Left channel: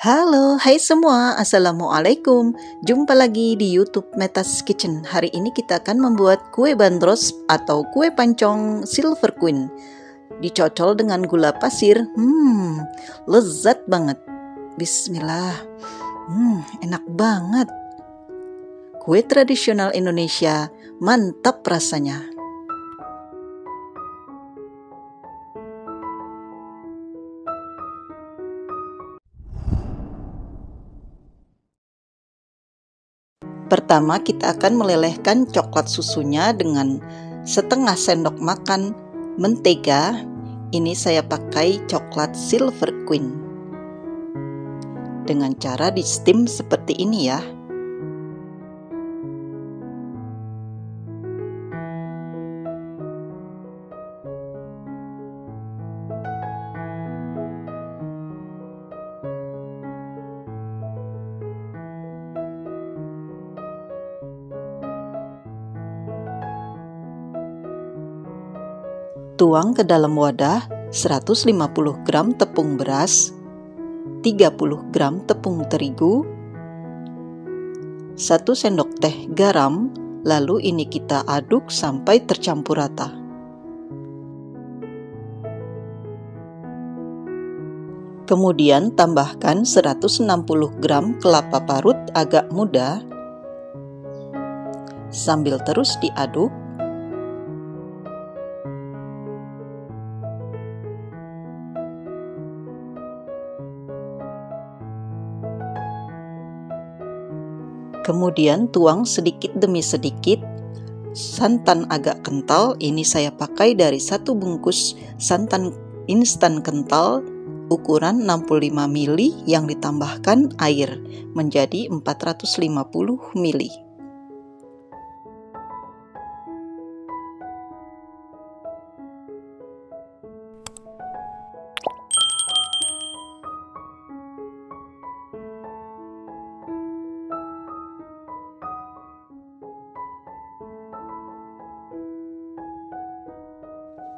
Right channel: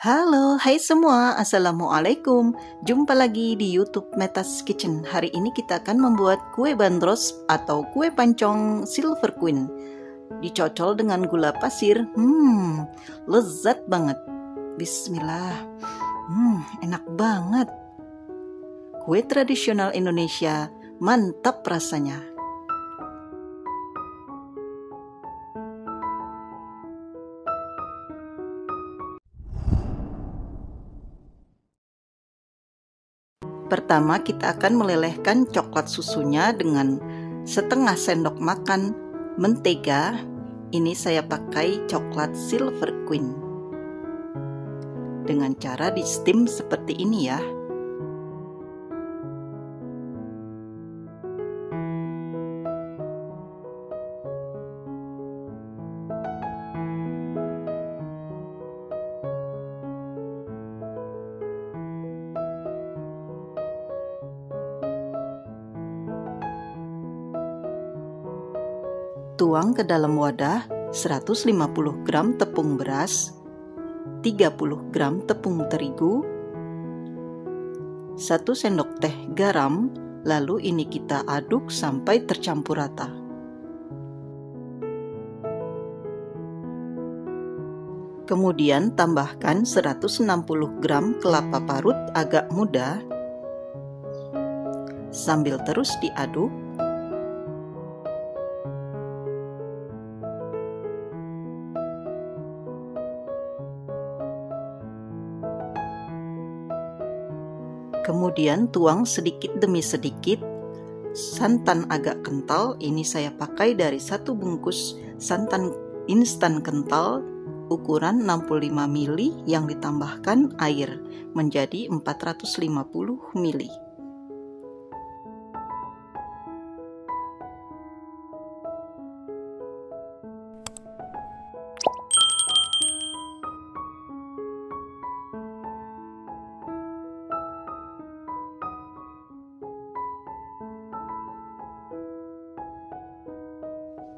Halo, hai semua, Assalamualaikum. Jumpa lagi di YouTube Metas Kitchen. Hari ini kita akan membuat kue bandros atau kue pancong Silver Queen. Dicocol dengan gula pasir. Lezat banget. Bismillah. Enak banget. Kue tradisional Indonesia, mantap rasanya. Pertama, kita akan melelehkan coklat susunya dengan setengah sendok makan mentega. Ini saya pakai coklat Silver Queen. Dengan cara di steam seperti ini ya. Tuang ke dalam wadah 150 gram tepung beras, 30 gram tepung terigu, 1 sendok teh garam, lalu ini kita aduk sampai tercampur rata. Kemudian tambahkan 160 gram kelapa parut agak muda, sambil terus diaduk. Kemudian tuang sedikit demi sedikit santan agak kental. Ini saya pakai dari 1 bungkus santan instan kental ukuran 65 ml yang ditambahkan air menjadi 450 ml.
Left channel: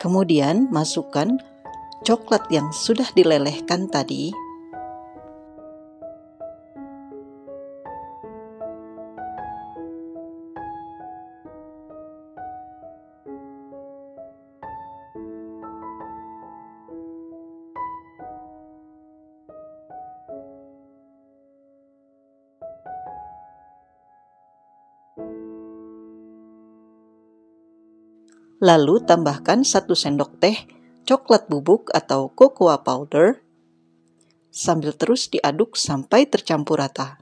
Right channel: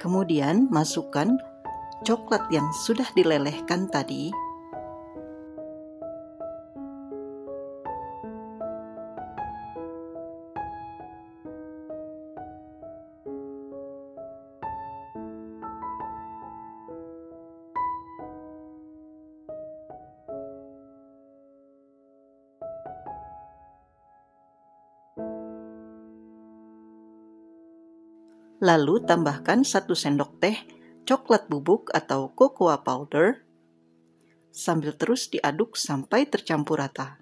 Kemudian masukkan coklat yang sudah dilelehkan tadi. Lalu tambahkan 1 sendok teh coklat bubuk atau cocoa powder, sambil terus diaduk sampai tercampur rata.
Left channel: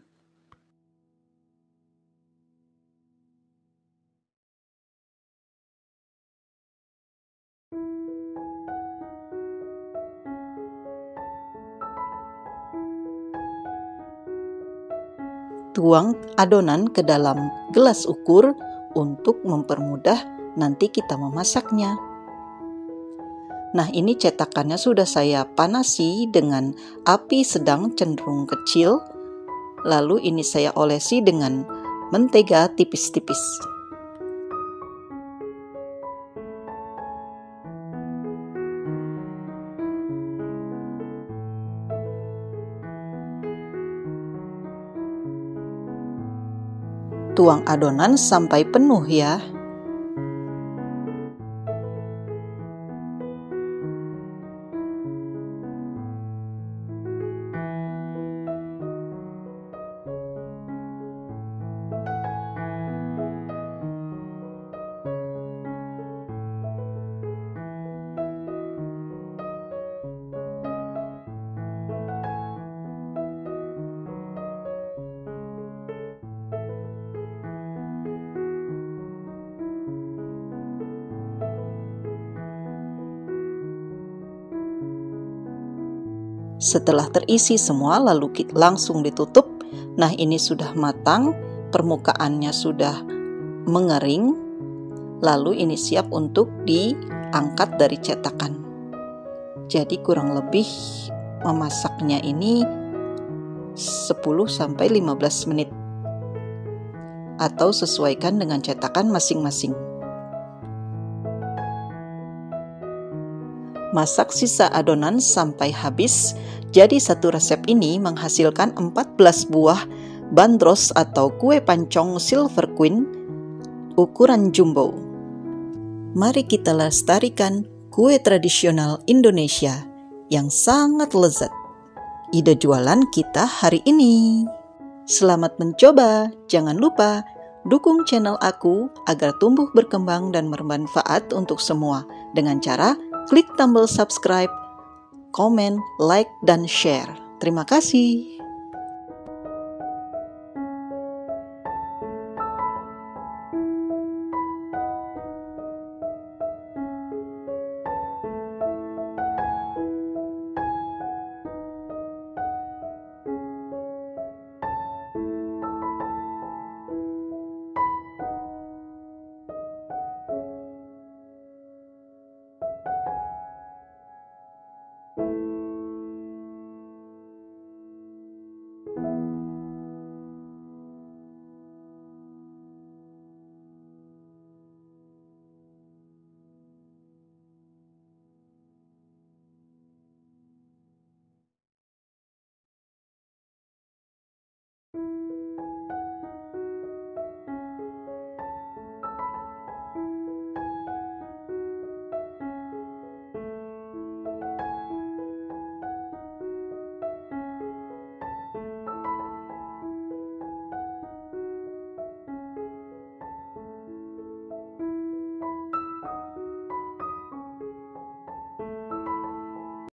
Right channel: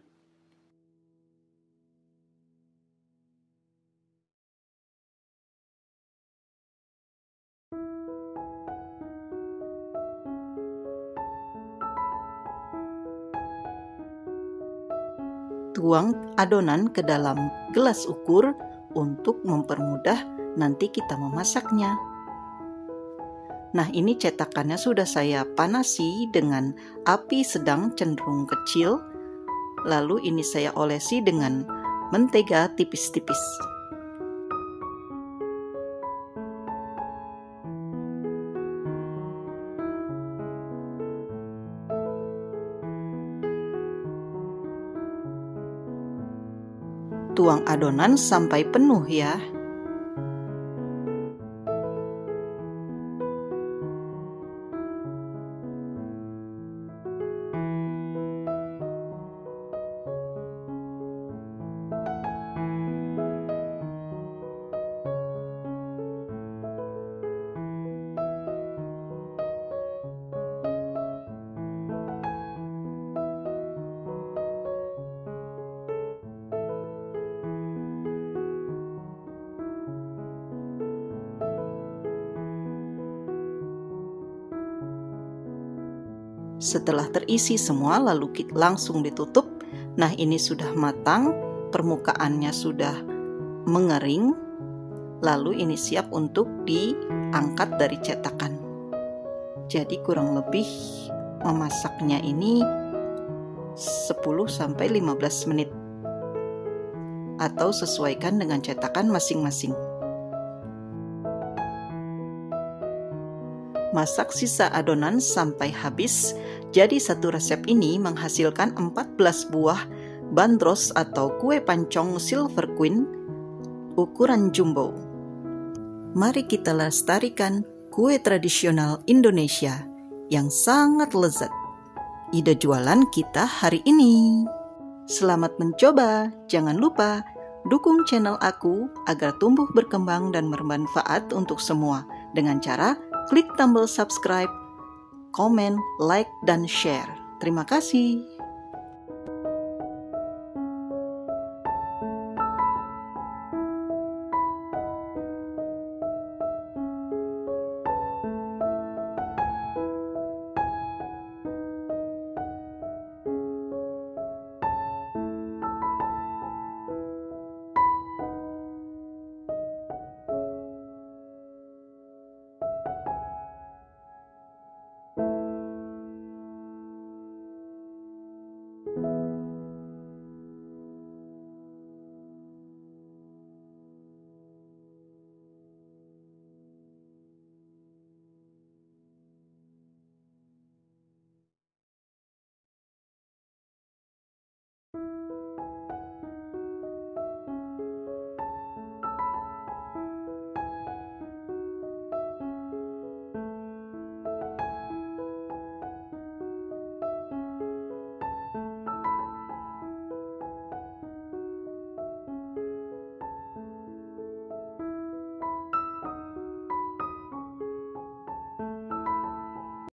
Tuang adonan ke dalam gelas ukur untuk mempermudah nanti kita memasaknya. Nah, ini cetakannya sudah saya panasi dengan api sedang cenderung kecil. Lalu ini saya olesi dengan mentega tipis-tipis. Tuang adonan sampai penuh ya. Setelah terisi semua, lalu langsung ditutup. Nah, ini sudah matang, permukaannya sudah mengering. Lalu ini siap untuk diangkat dari cetakan. Jadi kurang lebih memasaknya ini 10-15 menit. Atau sesuaikan dengan cetakan masing-masing. Masak sisa adonan sampai habis. Jadi satu resep ini menghasilkan 14 buah bandros atau kue pancong Silver Queen ukuran jumbo. Mari kita lestarikan kue tradisional Indonesia yang sangat lezat. Ide jualan kita hari ini. Selamat mencoba. Jangan lupa dukung channel aku agar tumbuh berkembang dan bermanfaat untuk semua dengan cara klik tombol subscribe, komen, like, dan share. Terima kasih.